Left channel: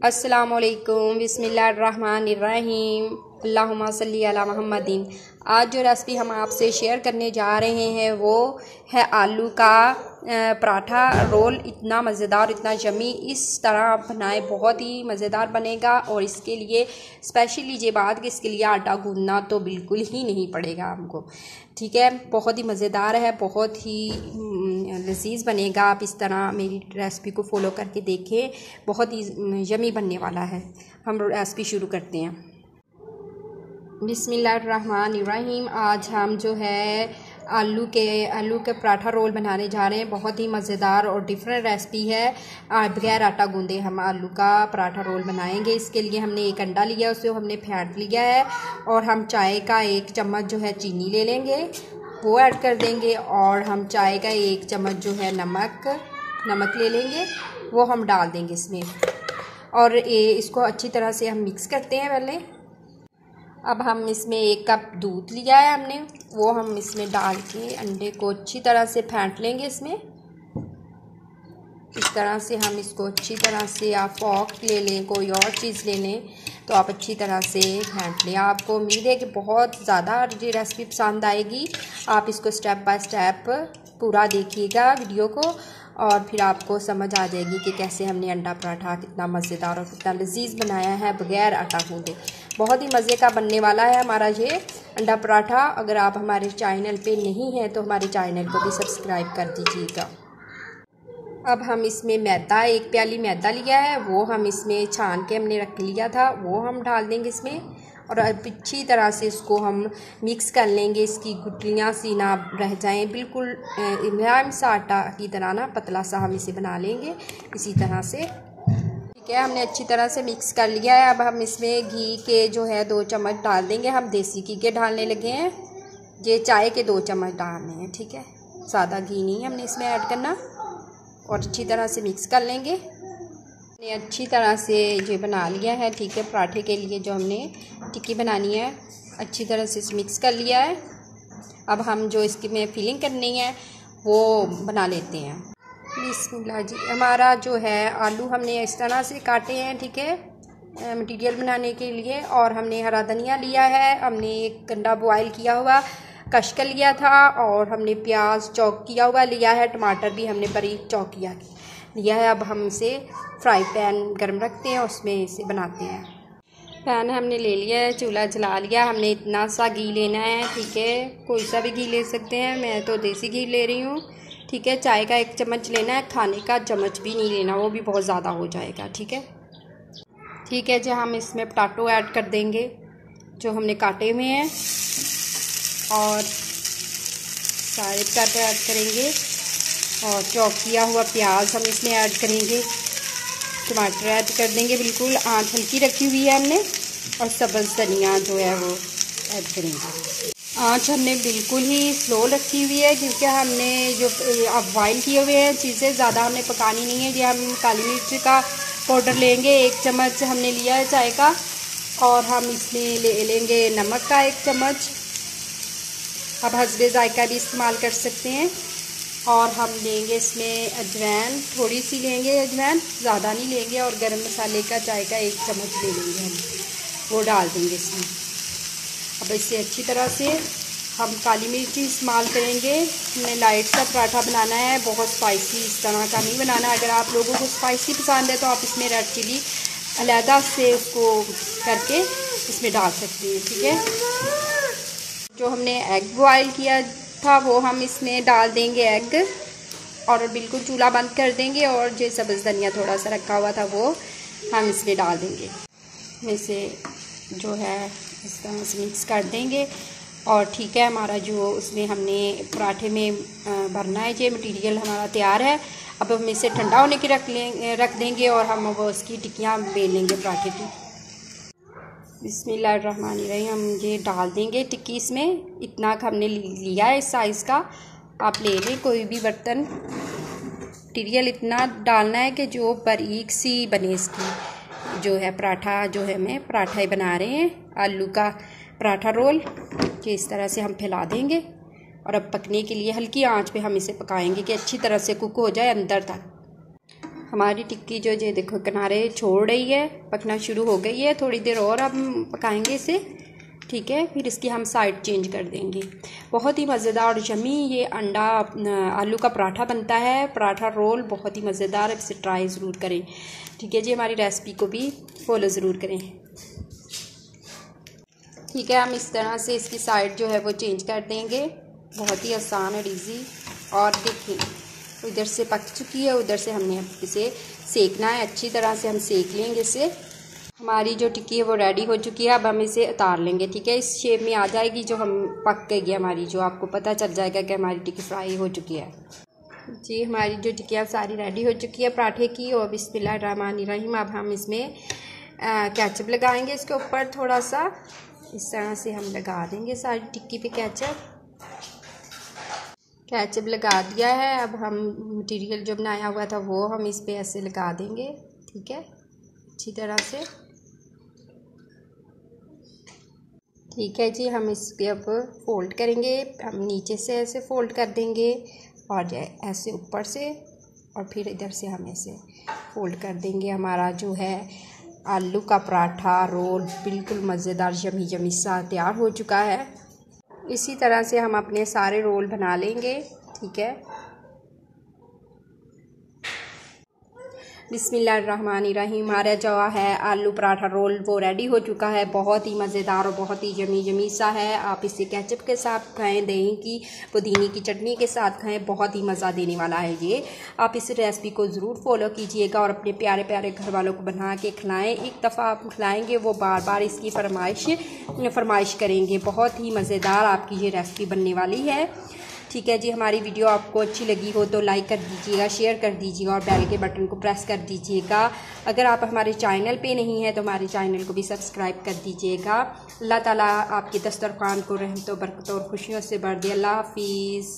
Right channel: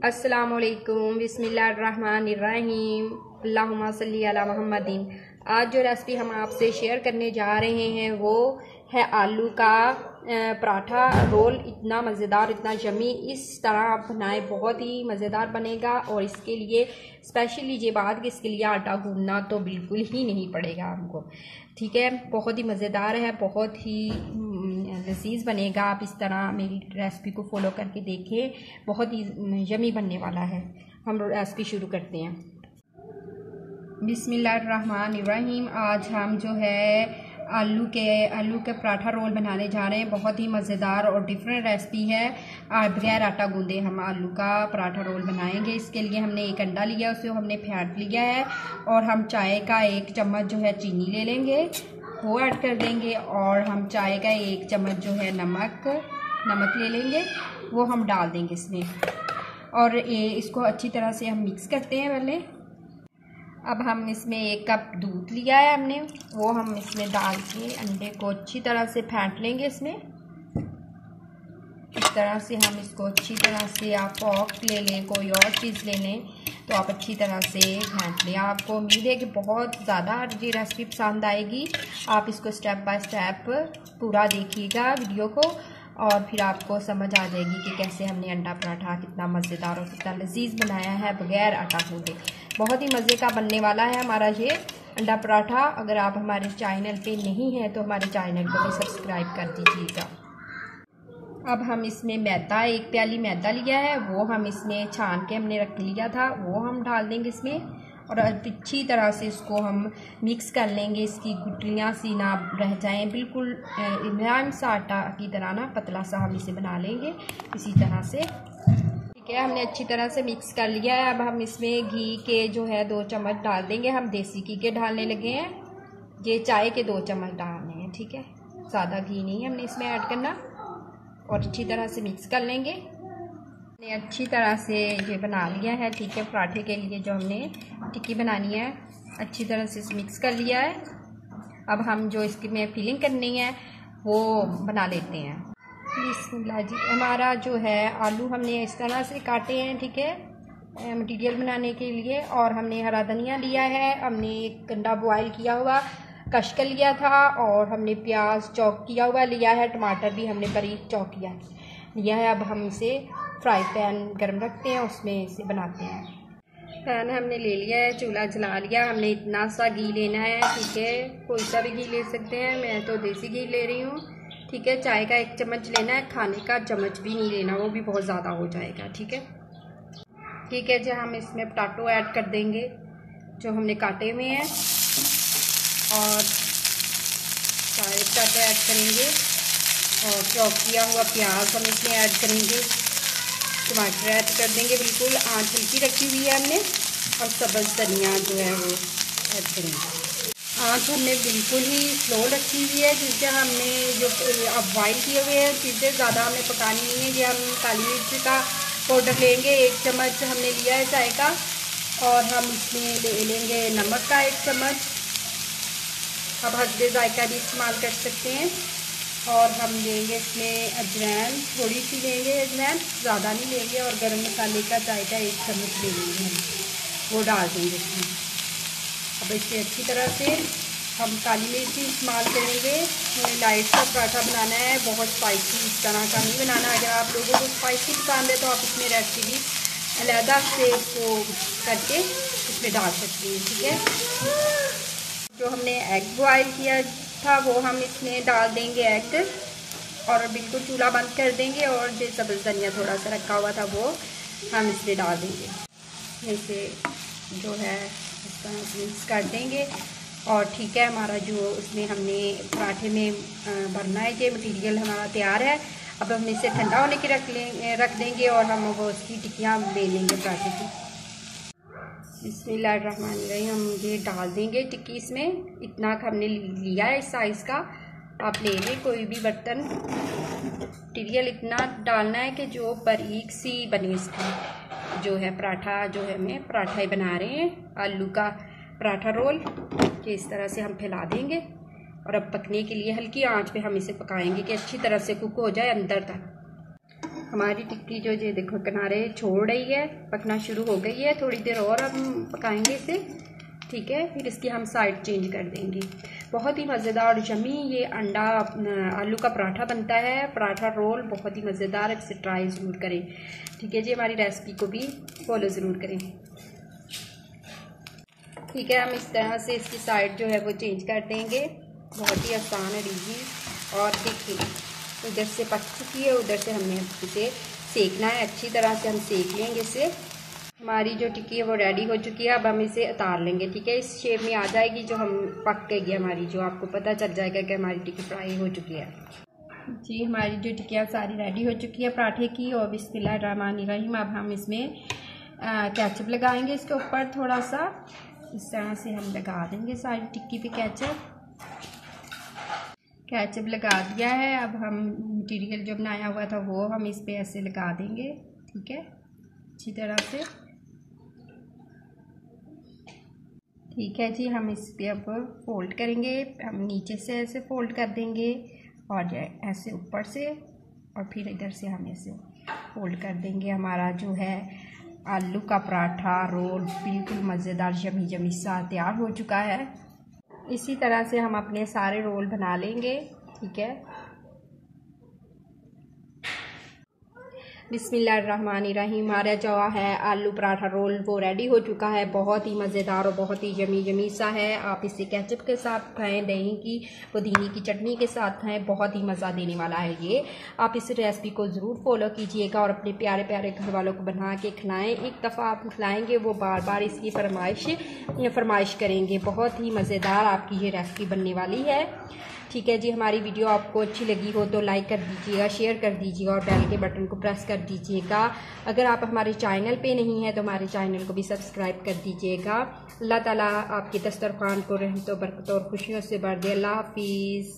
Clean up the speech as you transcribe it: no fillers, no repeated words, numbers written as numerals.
अस्सलामुअलैकुम बिस्मिल्लाहिर्रहमानिर्रहीम अल्लाहुम्मा सल्ली अला मुहम्मदिन। आज जो रेसिपी हम आपसे शेयर करने जा रहे हैं वो है आलू का पराठा रोल। इतना मज़ेदार, इतना यमी, इस तरह आप बनाएं, बहुत ही मज़ेदार बनेगा। और इसके लिए स्पेशली ये बात कि इसके लिए आटा गूंदना तो बिल्कुल ही नहीं पड़ेगा हमको, ठीक है। बहुत ही मज़ेदार है, बहुत ही लजीज बनेगा। आप इस तरह मेरी रेसिपी को फॉलो करके देखें, बहुत ही यमी बनने वाला है। हम रेसिपी शुरू करते हैं। बिस्मिल्लाहिर्रहमानिर्रहीम। आज हम जो है आलू के पराठा रोल बनाने जा रहे हैं। बहुत ही मज़ेदार और डिफरेंट रेसिपी है। बगैर आटा गूंदे हम आलू का पराठा रोल बनाएंगे। इसके लिए हमने एक अंडा लिया, उसे हमने फेंट लिया है। और हम चाय का 1 चम्मच जो है चीनी ले लेंगे, वो ऐड कर देंगे। और हम चाय का 1 चम्मच जो है नमक ले लेंगे, वो हम डाल देंगे इसमें। और इसको अच्छी तरह से हम मिक्स करते हैं पहले। अब हम इसमें 1 कप दूध लिया है हमने, वो हम इसमें डाल के अंडे को अच्छी तरह से फेंट लेंगे। इसमें इस तरह से हम इसको अच्छी तरह से, आप फॉक ले लें, कोई और चीज़ ले लें, तो आप अच्छी तरह से फेंट लें। आपको उम्मीद है कि बहुत ज़्यादा ये रेसिपी पसंद आएगी। आप इसको स्टेप बाय स्टेप पूरा देखिएगा वीडियो को, और फिर आपको समझ आ जाएगी कि कैसे हमने अंडा पराठा कितना मज़ेदार और कितना लजीज बनाया है बगैर आटा गूंदे। बहुत ही मज़े का बनने वाला है हमारा ये अंडा पराठा। अगर आप हमारे चैनल पे नहीं हैं तो हमारे चैनल को भी सब्सक्राइब कर दीजिएगा। अब हम इसमें मैदा, 1 प्याली मैदा लिया है, वो हम इसमें छान के हमने रख लिया था, वो हम डाल देंगे इसमें। और अच्छी तरह से इसको हम मिक्स कर लेंगे, इसकी गुठलियाँ सी ना रह जाएं, बिल्कुल मुलायम सा आटा की तरह ना पतला सा हम इसे बना लेंगे इसी तरह से, ठीक है। हमने अच्छी तरह से मिक्स कर लिया है। अब हम इसमें घी के जो है 2 चम्मच डाल देंगे। हम देसी घी के डालने लगे हैं, ये चाय के 2 चम्मच डालने हैं, ठीक है। सादा घी नहीं हमने इसमें ऐड करना। और अच्छी तरह से मिक्स कर लेंगे। हमने अच्छी तरह से ये बना लिया है, ठीक है। पराठे के लिए जो हमने टिक्की बनानी है, अच्छी तरह से मिक्स कर लिया है। अब हम जो इसकी में फिलिंग करनी है वो बना लेते हैं। बिस्मिल्लाह जी। हमारा जो है आलू हमने इस तरह से काटे हैं, ठीक है, मटीरियल बनाने के लिए। और हमने हरा धनिया लिया है, हमने 1 गंडा बॉयल किया हुआ कशका लिया था, और हमने प्याज चॉप किया हुआ लिया है, टमाटर भी हमने बारीक चॉप लिया है। अब हम इसे फ्राई पैन गर्म रखते हैं, उसमें इसे बनाते हैं। पैन हमने ले लिया है, चूल्हा जला लिया। हमने इतना सा घी लेना है, ठीक है, कोई सा भी घी ले सकते हैं, मैं तो देसी घी ले रही हूँ, ठीक है। चाय का 1 चम्मच लेना है, खाने का चम्मच भी नहीं लेना, वो भी बहुत ज़्यादा हो जाएगा, ठीक है। ठीक है जी, हम इसमें पोटैटो ऐड कर देंगे जो हमने काटे हुए हैं, और सारे पोटैटो ऐड करेंगे। और चॉप किया हुआ प्याज हम इसमें ऐड करेंगे, टमाटर ऐड कर देंगे, बिल्कुल आंच हल्की रखी हुई है हमने। और सब्ज़ धनिया जो है वो ऐड करेंगे। आंच हमने बिल्कुल ही स्लो रखी हुई है, क्योंकि हमने जो अब बॉयल किए हुए हैं चीज़ें ज़्यादा हमें पकानी नहीं है। ये हम काली मिर्च का पाउडर लेंगे, 1 चम्मच हमने लिया है चाय का। और हम इसमें ले लेंगे नमक का 1 चम्मच। अब हस्बे जायका भी इस्तेमाल कर सकते हैं। और हम लेंगे इसमें अजवाइन, थोड़ी सी लेंगे अजवाइन, ज़्यादा नहीं लेंगे। और गरम मसाले का चाय का 1 चम्मच ले लेंगे, वो डाल देंगे इसमें। अब इसे अच्छी तरह से हम काली मिर्ची इस्तेमाल करेंगे। हमें लाइट सा पराठा बनाना है, बहुत स्पाइसी इस तरह का नहीं बनाना। अगर आप लोगों को स्पाइसी पसंद है तो आप इसमें रेड चिली अलहदा से उसको करके इसमें डाल सकते हैं, ठीक है। जो हमने एग बॉयल किया था वो हम इसमें डाल देंगे एग, और बिल्कुल चूल्हा बंद कर देंगे। और जो सब्ज़ धनिया थोड़ा सा रखा हुआ था वो हम इसमें डाल देंगे। इसे जो है इस तरह से मिक्स कर देंगे। और ठीक है, हमारा जो उसमें हमने पराठे में भरना है ये मटेरियल हमारा तैयार है। अब हम इसे ठंडा होने के रख देंगे, और हम वो उसकी टिक्कियाँ बेल लेंगे पराठे की। बिस्मिल्लाहिर्रहमानिर्रहीम। हम ये डाल देंगे टिक्की इसमें। इतना हमने लिया है इस साइज़ का, आप ले लें कोई भी बर्तन। मटीरियल इतना डालना है कि जो बारीक सी बने इसकी जो है पराठा, जो है मैं पराठा ही बना रहे हैं आलू का पराठा रोल। ये इस तरह से हम फैला देंगे। और अब पकने के लिए हल्की आंच पे हम इसे पकाएंगे कि अच्छी तरह से कुक हो जाए अंदर तक। हमारी टिक्की जो ये देखो किनारे छोड़ रही है, पकना शुरू हो गई है। थोड़ी देर और हम पकाएंगे इसे, ठीक है। फिर इसकी हम साइड चेंज कर देंगे। बहुत ही मज़ेदार और यम्मी ये अंडा आलू का पराठा बनता है, पराठा रोल, बहुत ही मज़ेदार। इसे ट्राई ज़रूर करें, ठीक है जी। हमारी रेसिपी को भी फॉलो ज़रूर करें, ठीक है। हम इस तरह से इसकी साइड जो है वो चेंज कर देंगे। बहुत ही आसान और ईजी। और देखिए इधर से पक चुकी है, उधर से हमने इसे सेकना है। अच्छी तरह से हम सेक लेंगे इसे। हमारी जो टिक्की है वो रेडी हो चुकी है। अब हम इसे उतार लेंगे, ठीक है। इस शेप में आ जाएगी जो हम पक गई हमारी, जो आपको पता चल जाएगा कि हमारी टिक्की फ्राई हो चुकी है जी। हमारी जो टिक्कियाँ सारी रेडी हो चुकी है पराठे की। और बिस्मिल्लाहिर्रहमानिर्रहीम। अब हम इसमें केचप लगाएंगे इसके ऊपर थोड़ा सा। इस तरह से हम लगा देंगे सारी टिक्की पे केचप लगा दिया है। अब हम मटेरियल जो बनाया हुआ था वो हम इस पे ऐसे लगा देंगे, ठीक है, अच्छी तरह से, ठीक है जी। हम इस पे अब फोल्ड करेंगे। हम नीचे से ऐसे फोल्ड कर देंगे और ऐसे ऊपर से, और फिर इधर से हम ऐसे फोल्ड कर देंगे। हमारा जो है आलू का पराठा रोल बिल्कुल मज़ेदार यमी यमी सा तैयार हो चुका है। इसी तरह से हम अपने सारे रोल बना लेंगे, ठीक है। बिस्मिल्लाहिर्रहमानिर्रहीम। हमारा जो है आलू पराठा रोल वो रेडी हो चुका है। बहुत ही मज़ेदार और बहुत ही यमी यमी सा है। आप इसे केचप के साथ खाएं, दही की पुदीने की चटनी के साथ खाएं, बहुत ही मज़ा देने वाला है ये। आप इस रेसिपी को ज़रूर फॉलो कीजिएगा और अपने प्यारे प्यारे घर वालों को बना के खिलाएं। एक दफ़ा आप खिलाएंगे वो बार बार इसकी फरमाइश करेंगे। बहुत ही मज़ेदार आपकी ये रेसिपी बनने वाली है, ठीक है जी। हमारी वीडियो आपको अच्छी लगी हो तो लाइक कर दीजिएगा, शेयर कर दीजिएगा और बेल के बटन को प्रेस कर दीजिएगा। अगर आप हमारे चैनल पे नहीं हैं तो हमारे चैनल को भी सब्सक्राइब कर दीजिएगा। अल्लाह ताला आपके दस्तरखान को रहमतों बरकतों और खुशियों से भर दे। अल्लाह हाफिज़।